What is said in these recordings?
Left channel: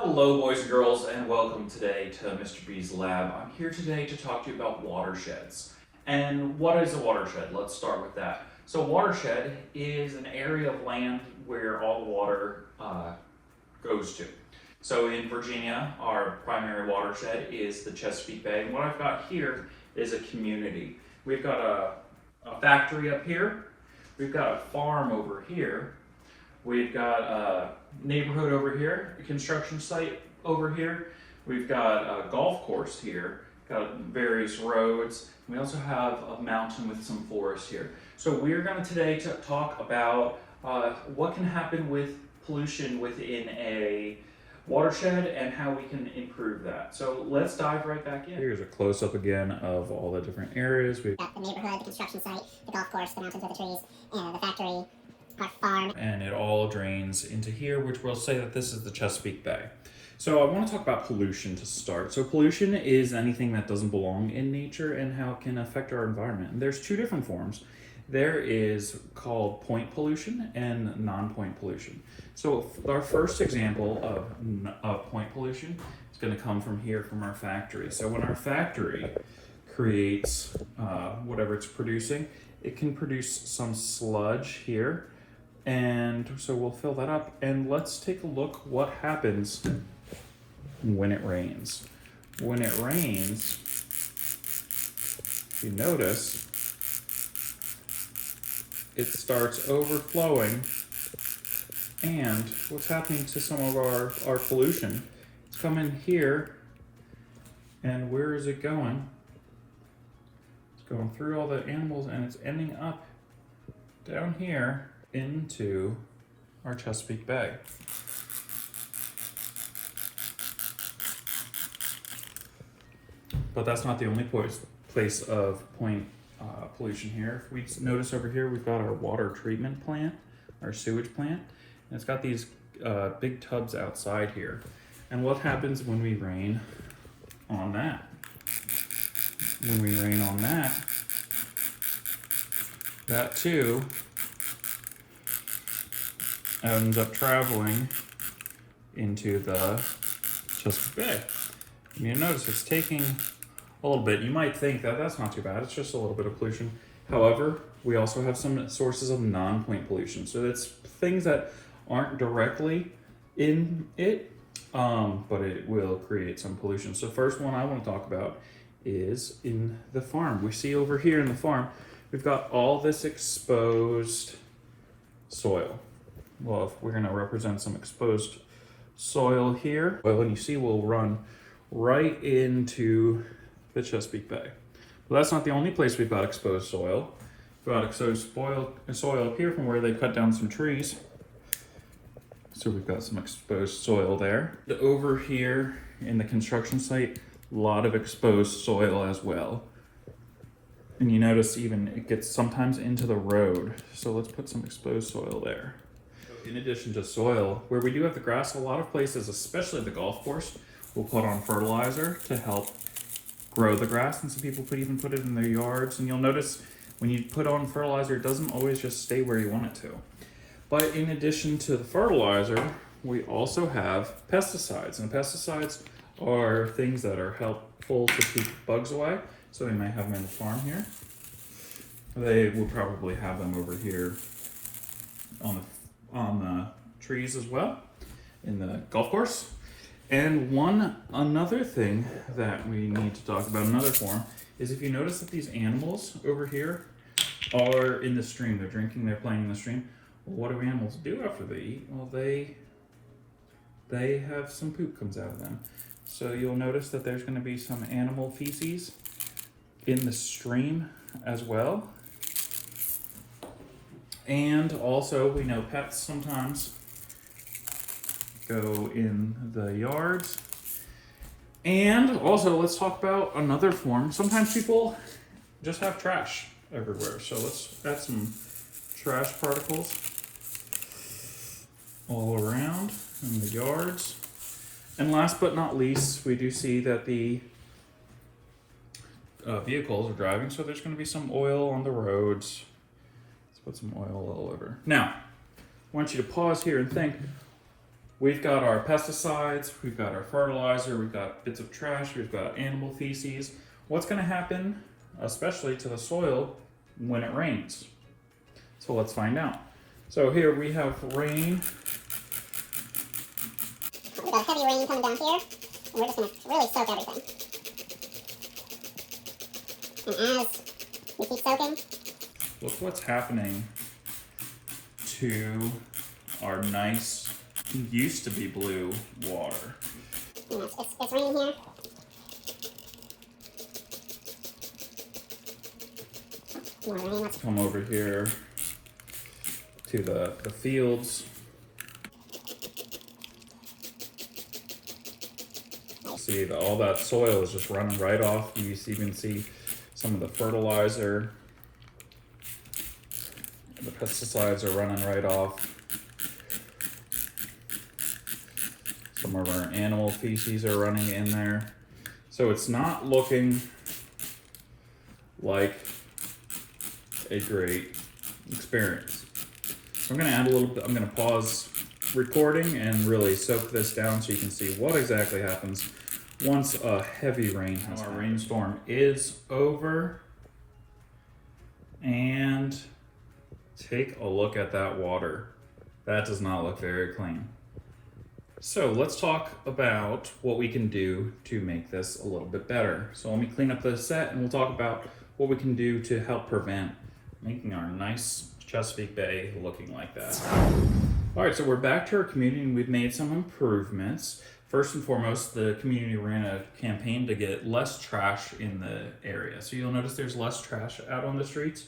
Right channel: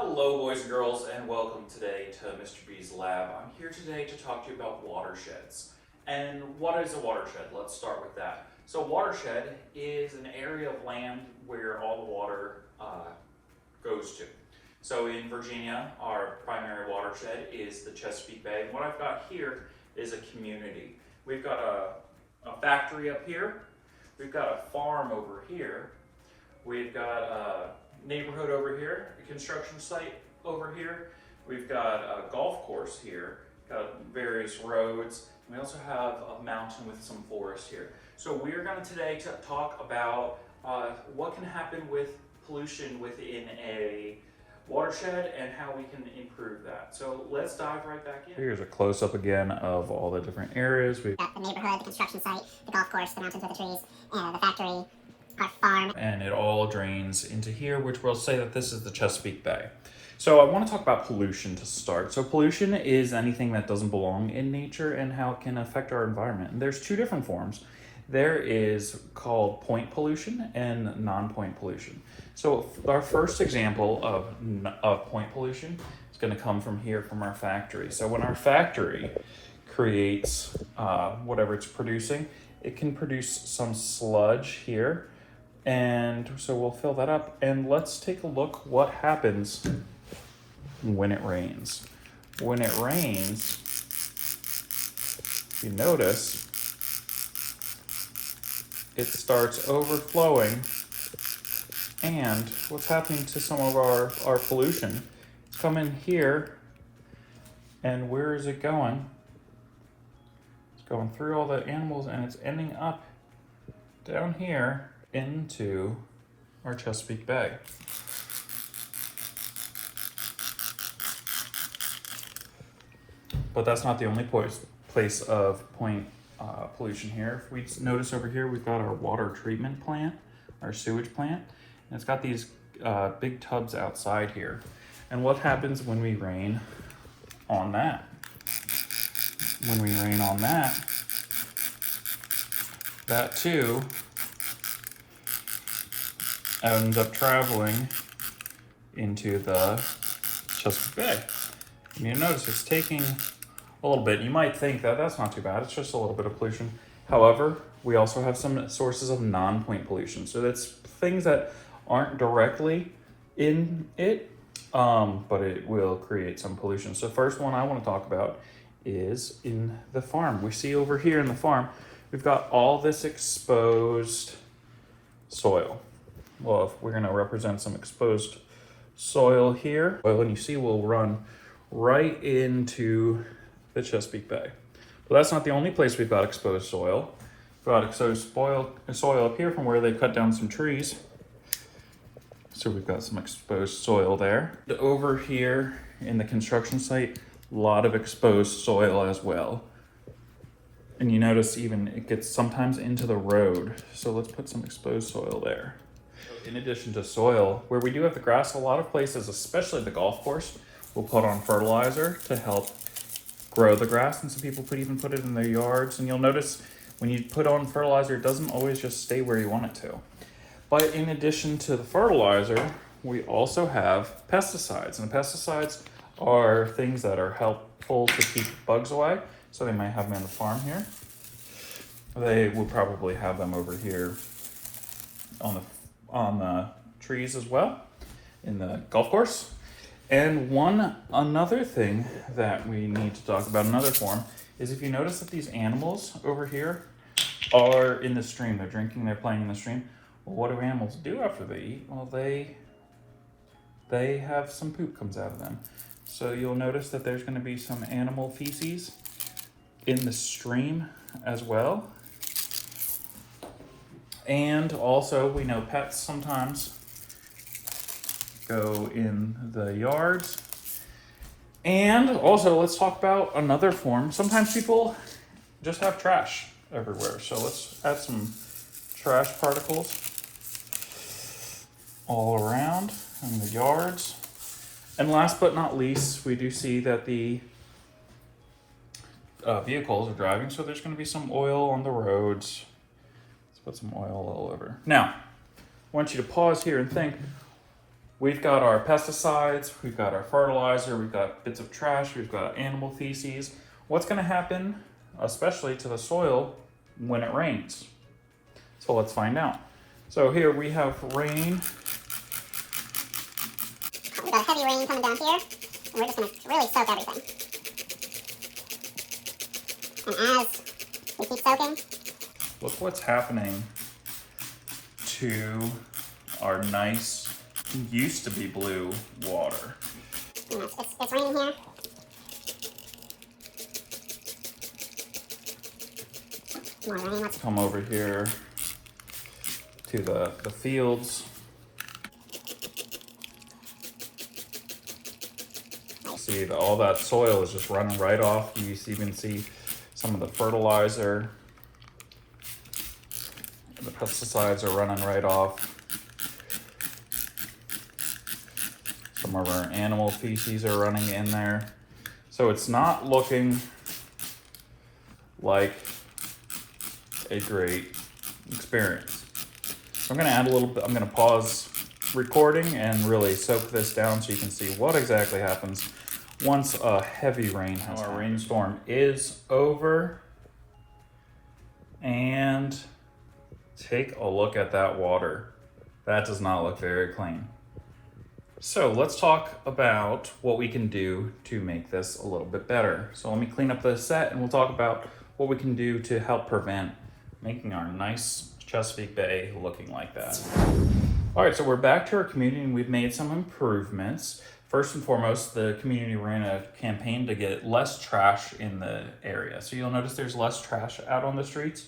Hello boys and girls, and welcome today to Mr. B's Lab. I'm here today to talk to you about watersheds. And what is a watershed? Let's start with that. So watershed is an area of land where all the water goes to. So in Virginia, our primary watershed is the Chesapeake Bay. And what I've got here is a community. We've got a factory up here. We've got a farm over here. We've got a neighborhood over here, a construction site over here. We've got a golf course here, got various roads. We also have a mountain with some forest here. So we're going to today talk about what can happen with pollution within a watershed and how we can improve that. So let's dive right back in. Here's a close-up again of all the different areas. We've got the neighborhood, the construction site, the golf course, the mountains with the trees, the factory, our farm. And it all drains into here, which we'll say that this is the Chesapeake Bay. So I want to talk about pollution to start. So pollution is anything that doesn't belong in nature and how it can affect our environment. And there's two different forms. There is called point pollution and non-point pollution. So our first example of point pollution is going to come from here from our factory. So when our factory creates whatever it's producing, it can produce some sludge here. And so we'll fill that up, and let's take a look what happens when it rains. When it rains, you notice it starts overflowing, and what's happening to some of our pollution? It's coming here, and where is it going? It's going through all the animals, and it's ending up down here into our Chesapeake Bay. But that's not the only place of point pollution here. If we notice over here, we've got our water treatment plant, our sewage plant, and it's got these big tubs outside here. And what happens when we rain on that? When we rain on that, that too ends up traveling into the Chesapeake Bay. And you notice it's taking a little bit. You might think that that's not too bad, it's just a little bit of pollution. However, we also have some sources of non-point pollution. So that's things that aren't directly in it, but it will create some pollution. So the first one I want to talk about is in the farm. We see over here in the farm, we've got all this exposed soil. Well, if we're going to represent some exposed soil here, well, and you see we'll run right into the Chesapeake Bay. But that's not the only place we've got exposed soil. We've got exposed soil up here from where they cut down some trees. So we've got some exposed soil there. Over here in the construction site, a lot of exposed soil as well. And you notice even it gets sometimes into the road. So let's put some exposed soil there. In addition to soil, where we do have the grass, a lot of places, especially the golf course, will put on fertilizer to help grow the grass, and some people even put it in their yards. And you'll notice when you put on fertilizer, it doesn't always just stay where you want it to. But in addition to the fertilizer, we also have pesticides, and pesticides are things that are helpful to keep bugs away. So they might have them on the farm here. They will probably have them over here on the trees as well in the golf course. And another thing that we need to talk about, another form, is if you notice that these animals over here are in the stream, they're drinking, they're playing in the stream. Well, what do animals do after they eat? Well, they have some poop comes out of them. So you'll notice that there's going to be some animal feces in the stream as well. And also, we know pets sometimes go in the yards. And also, let's talk about another form. Sometimes people just have trash everywhere. So let's add some trash particles all around in the yards. And last but not least, we do see that the vehicles are driving, so there's going to be some oil on the roads. Let's put some oil all over. Now, I want you to pause here and think, We've got our pesticides, we've got our fertilizer, we've got bits of trash, we've got animal feces. What's gonna happen, especially to the soil, when it rains? So let's find out. So here we have rain. We've got heavy rain coming down here, and we're just gonna really soak everything. And as we keep soaking, Look what's happening to our nice, used to be blue water. you know, it's raining here. More rain, let's Come over here to the fields. See, all that soil is just running right off. You even see some of the fertilizer. The pesticides are running right off. Some of our animal feces are running in there. So it's not looking like a great experience. I'm gonna add a little bit, I'm gonna pause recording and really soak this down so you can see what exactly happens once a heavy rain has happened. Our rainstorm is over, and take a look at that water. That does not look very clean. So let's talk about what we can do to make this a little bit better. So let me clean up the set and we'll talk about what we can do to help prevent making our nice Chesapeake Bay looking like that. All right, so we're back to our community and we've made some improvements. First and foremost, the community ran a campaign to get less trash in the area. So you'll notice there's less trash out on the streets.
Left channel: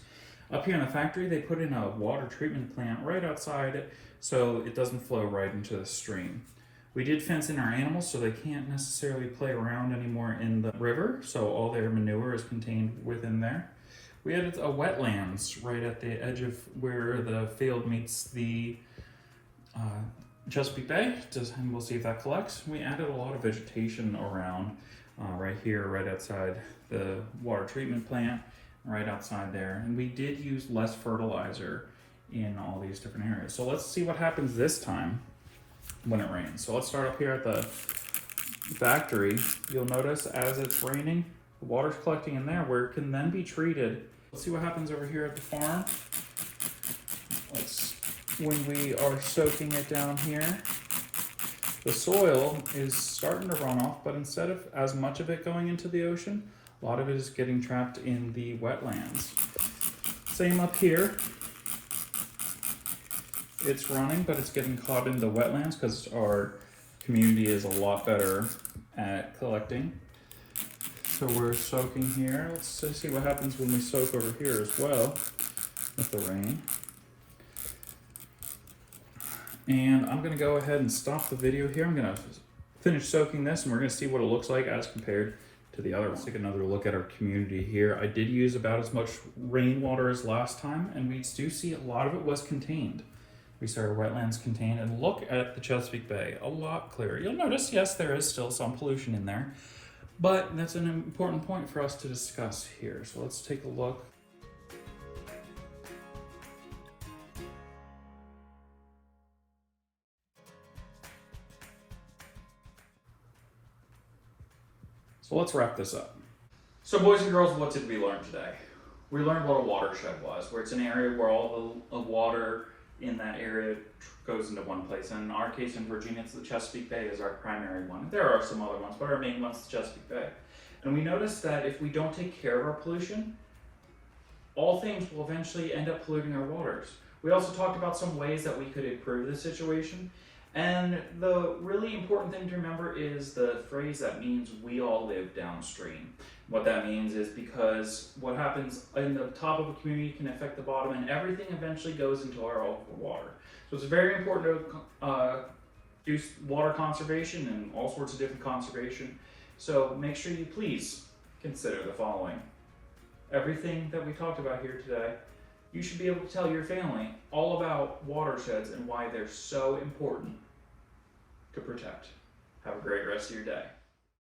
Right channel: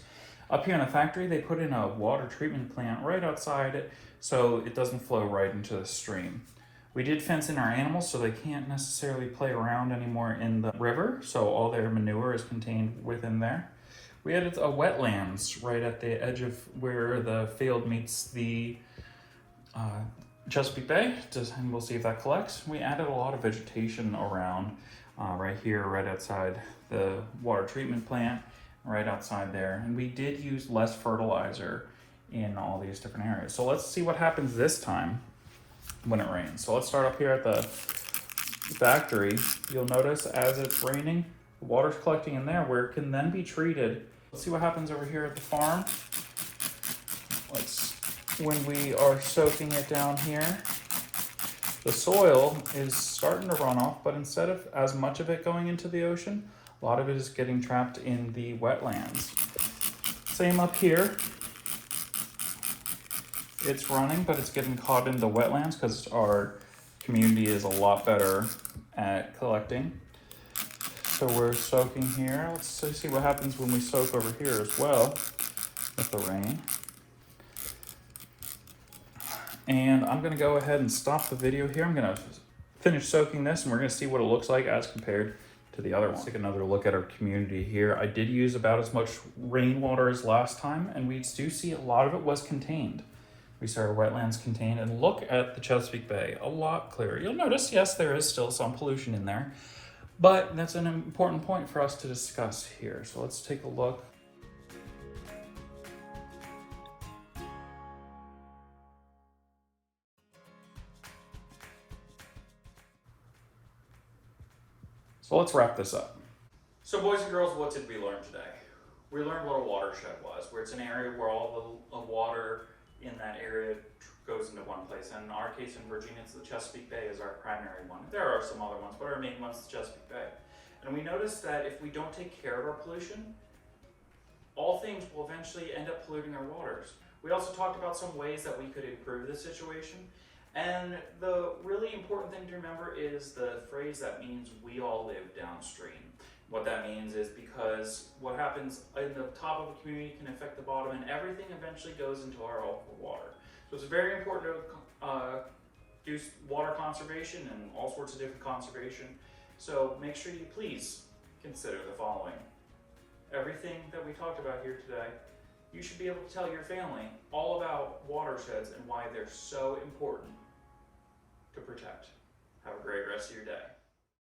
Up here in the factory, they put in a water treatment plant right outside it so it doesn't flow right into the stream. We did fence in our animals so they can't necessarily play around anymore in the river, so all their manure is contained within there. We added a wetlands right at the edge of where the field meets the Chesapeake Bay, and we'll see if that collects. We added a lot of vegetation around right here, right outside the water treatment plant, right outside there. And we did use less fertilizer in all these different areas. So let's see what happens this time when it rains. So let's start up here at the factory. You'll notice as it's raining, the water's collecting in there where it can then be treated. Let's see what happens over here at the farm. When we are soaking it down here, the soil is starting to run off, but instead of as much of it going into the ocean, a lot of it is getting trapped in the wetlands. Same up here. It's running, but it's getting caught in the wetlands because our community is a lot better at collecting. So we're soaking here. Let's see what happens when we soak over here as well with the rain. And I'm gonna go ahead and stop the video here. I'm gonna finish soaking this and we're gonna see what it looks like as compared to the other one. Let's take another look at our community here. I did use about as much rainwater as last time, and we do see a lot of it was contained. We saw our wetlands contained, and look at the Chesapeake Bay, a lot clearer. You'll notice, yes, there is still some pollution in there, but that's an important point for us to discuss here. So let's take a look. So let's wrap this up. So boys and girls, what did we learn today? We learned what a watershed was, where it's an area where all the water in that area goes into one place. And in our case in Virginia, it's the Chesapeake Bay is our primary one. There are some other ones, but our main one's the Chesapeake Bay. And we noticed that if we don't take care of our pollution, all things will eventually end up polluting our waters. We also talked about some ways that we could improve the situation. And the really important thing to remember is the phrase that means we all live downstream. What that means is because what happens in the top of a community can affect the bottom, and everything eventually goes into our water. So it's very important to do water conservation and all sorts of different conservation. So make sure you please consider the following. Everything that we talked about here today, you should be able to tell your family all about watersheds and why they're so important to protect. Have a great rest of your day.